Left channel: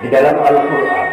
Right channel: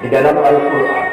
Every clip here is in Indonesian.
Di dalam Al-Quran,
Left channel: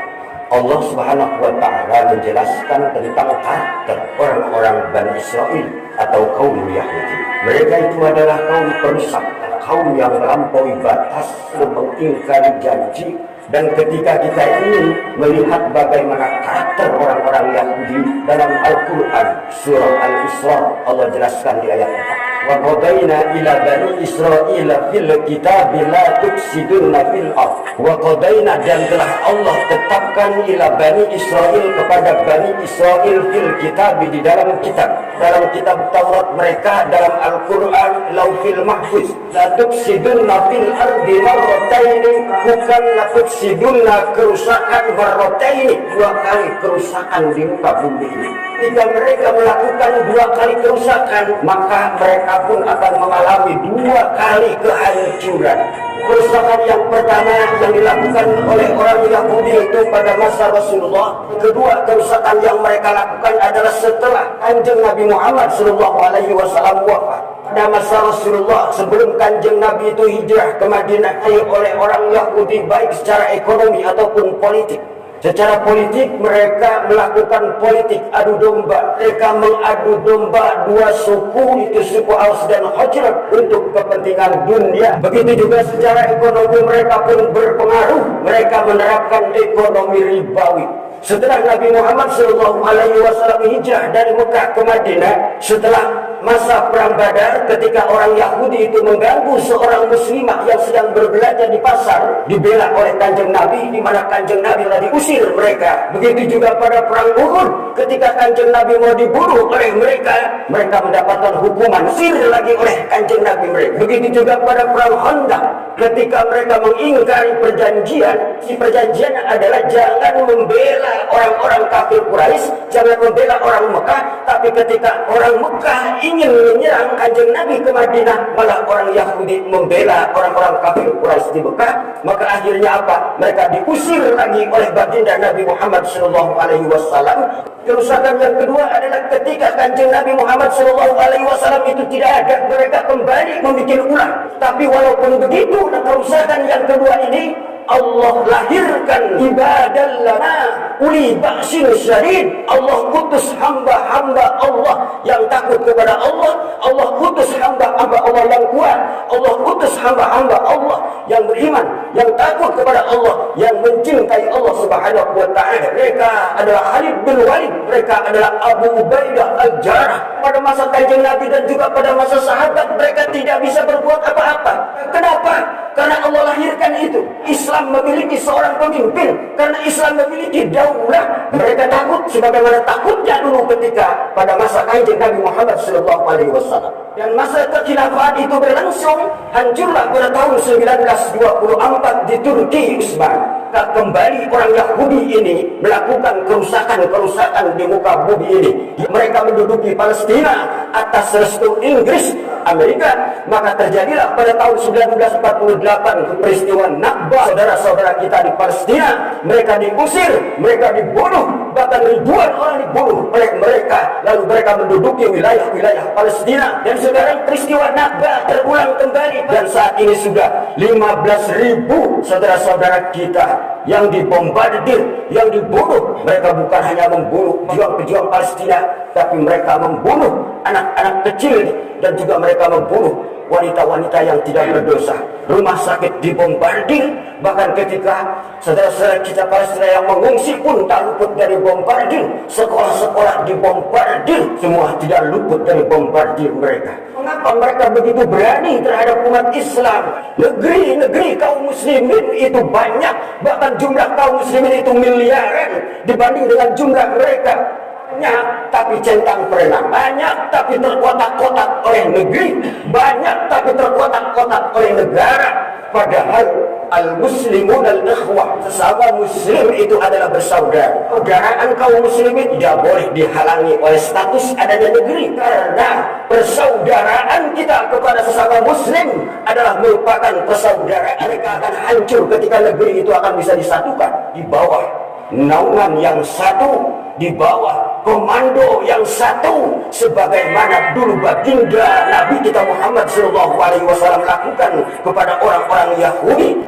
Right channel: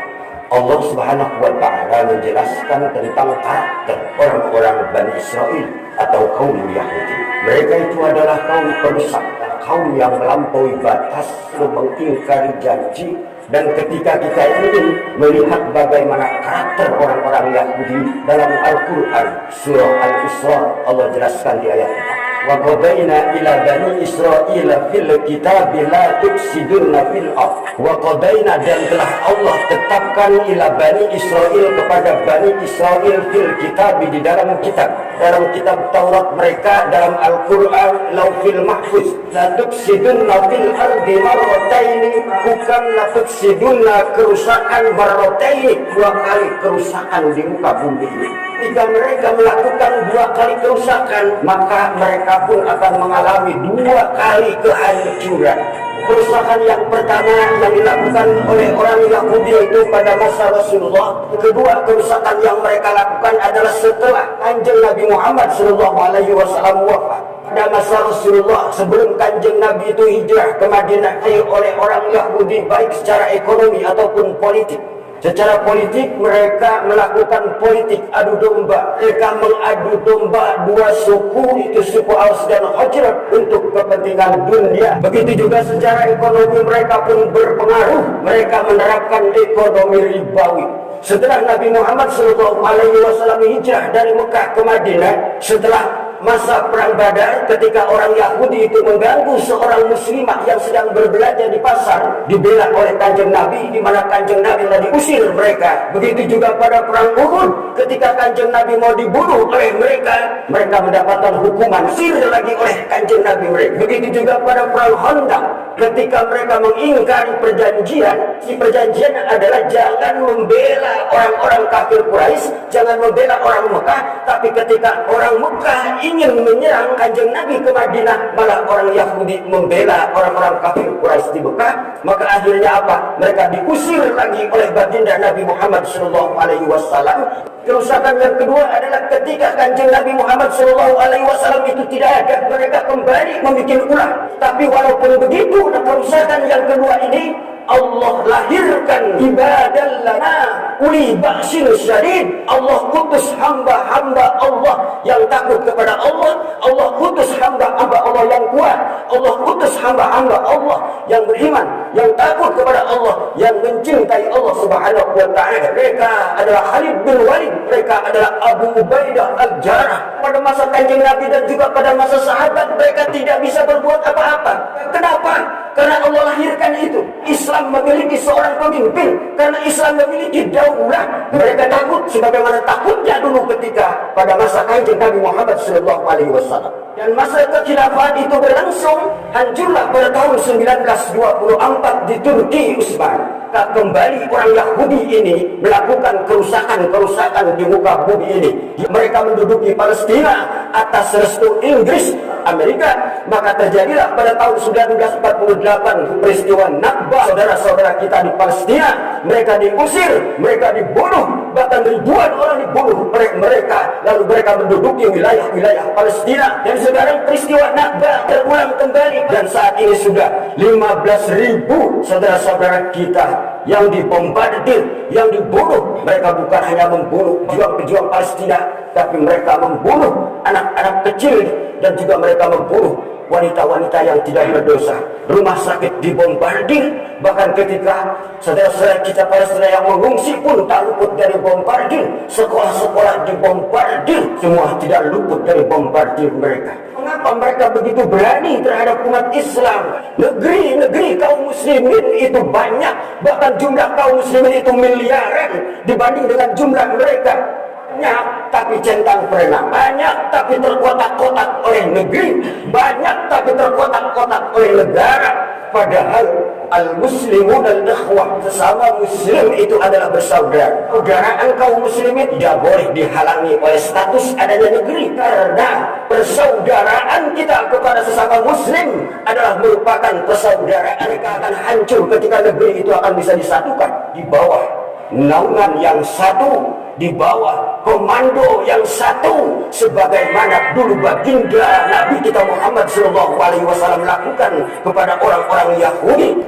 Allah Subhanahu wa Ta'ala menjelaskan tentang karakter orang-orang Bani Israel atau kaum Yahudi. Mereka itu adalah kaum perusak, kaum yang melampaui batas, mengingkari janji. Dan ketika kita ingin melihat bagaimana karakter orang-orang Yahudi dalam Al-Quran, surah Al-Isra, Allah jelaskan di ayat 4. Wa qadaina ila bani Israil fil kitab la tufsiduna fil ard. Wa qadaina, dan telah Allah tetapkan ila bani Israil, kepada bani Israil fil kitab, di dalam kitab Taurat mereka, dalam Al-Quran, Lauhil Mahfuz, la tufsiduna fil ardi marrataini, bukan la tufsiduna kerusakan marrataini, 2 kali kerusakan di muka bumi ini. Jika mereka melakukan 2 kali kerusakan, maka mereka pun akan mengalami 2 kali kehancuran. Kerusakan yang pertama yang dilakukan oleh orang Yahudi itu pada masa Rasulullah. Kedua, kerusakan yang mereka lakukan adalah setelah Kanjeng Nabi Muhammad SAW wafat. Pada masa Rasulullah, sebelum Kanjeng Nabi itu hijrah ke Madinah oleh orang Yahudi, baik secara ekonomi ataupun politik. Secara politik mereka melakukan politik adu domba. Mereka mengadu domba 2 suku, itu suku Aus dan Khazraj, untuk kepentingan dunia. Begitu juga secara ekonomi mereka pun berpengaruh. Mereka menerapkan ekonomi ribawi. Setelah Nabi Muhammad SAW hijrah dari Mekah ke Madinah, setelah masa perang Badar, ketika orang Yahudi itu mengganggu seorang muslimah yang sedang berbelanja di pasar, dibela oleh Kanjeng Nabi, di mana Kanjeng Nabi telah diusir mereka. Begitu juga pada perang Uhud, ketika Kanjeng Nabi mau dibunuh oleh mereka, mereka mendapatkan hukuman usir lagi oleh Kanjeng Nabi mereka. Begitu juga pada perang Khandaq, ketika mereka mengingkari perjanjian. Si perjanjian adalah jangan membela orang-orang kafir Quraisy, jangan membela orang Mekah. Tapi ketika orang Mekah ingin menyerang Kanjeng Nabi ke Madinah, malah orang Yahudi membela orang-orang kafir Quraisy di Mekah. Maka akhirnya apa? Mereka diusir lagi oleh baginda Nabi Muhammad SAW. Kerusakan yang kedua adalah ketika Kanjeng Nabi Muhammad SAW itu tidak ada, mereka kembali membuat ulah. Tapi walaupun begitu, kerusakan yang kedua ini, Allah lahirkan ibadah lana uli ba'sin syadid. Allah utus hamba-hamba Allah yang takut kepada Allah. Allah utus hamba-hamba Allah yang kuat. Allah utus hamba-hamba Allah yang beriman, yang takut kepada Allah, yang mencintai Allah Subhanahu wa Ta'ala. Mereka adalah Khalid bin Walid, mereka adalah Abu Ubaidah Al-Jarrah. Pada masa Kanjeng Nabi dan juga pada masa sahabat, mereka tidak bisa berbuat apa-apa. Kenapa? Karena Allah lahirkan itu. Islam memiliki seorang pemimpin, karena Islam memiliki daulah. Mereka takut sebagaimana takutnya dulu ketika pada masa Kanjeng Nabi Muhammad SAW. Dan masa kekhilafan itu berlangsung, hancurlah pada tahun 1924 di Turki Utsman. Kembali orang Yahudi ini melakukan kerusakan-kerusakan di muka bumi ini. Mereka menduduki Palestina atas restu Inggris, Amerika. Maka terjadilah pada tahun 1948 peristiwa Nakba. Saudara-saudara kita di Palestina, mereka diusir, mereka dibunuh, bahkan ribuan orang dibunuh oleh mereka. Lalu mereka menduduki wilayah-wilayah Palestina. Dan sekarang peristiwa Nakba terulang kembali. Dan saat ini sudah 15.000 saudara-saudara kita yang dibombardir, yang dibunuh. Mereka bukan hanya membunuh pejuang-pejuang Palestina, tapi mereka membunuh anak-anak kecil, dan juga mereka membunuh wanita-wanita yang tidak berdosa. Rumah sakit dibombardir, bahkan ketika saudara-saudara kita Palestina yang mengungsi pun tak luput dari bombardir. Sekolah-sekolah dibombardir, semua tidak luput dari bombardir mereka. Mengapa mereka begitu berani terhadap umat Islam? Negeri-negeri kaum muslimin itu banyak, bahkan jumlah kaum muslimin itu miliaran dibanding dengan jumlah mereka. Banyak tapi centang perenang, banyak tapi terkotak-kotak oleh negeri, banyak tapi terkotak-kotak oleh negara. Padahal al-muslimun al-ikhwah, sesama muslim itu adalah bersaudara. Persaudaraan kaum muslimin tidak boleh dihalangi oleh status adanya negeri, karena persaudaraan kita kepada sesama muslim adalah merupakan persaudaraan. Mereka akan hancur ketika negeri itu akan bisa disatukan di bawah naungan yang satu, di bawah komando yang satu, sebagaimana dulu baginda Nabi kita Muhammad SAW lakukan kepada orang-orang Yahudi.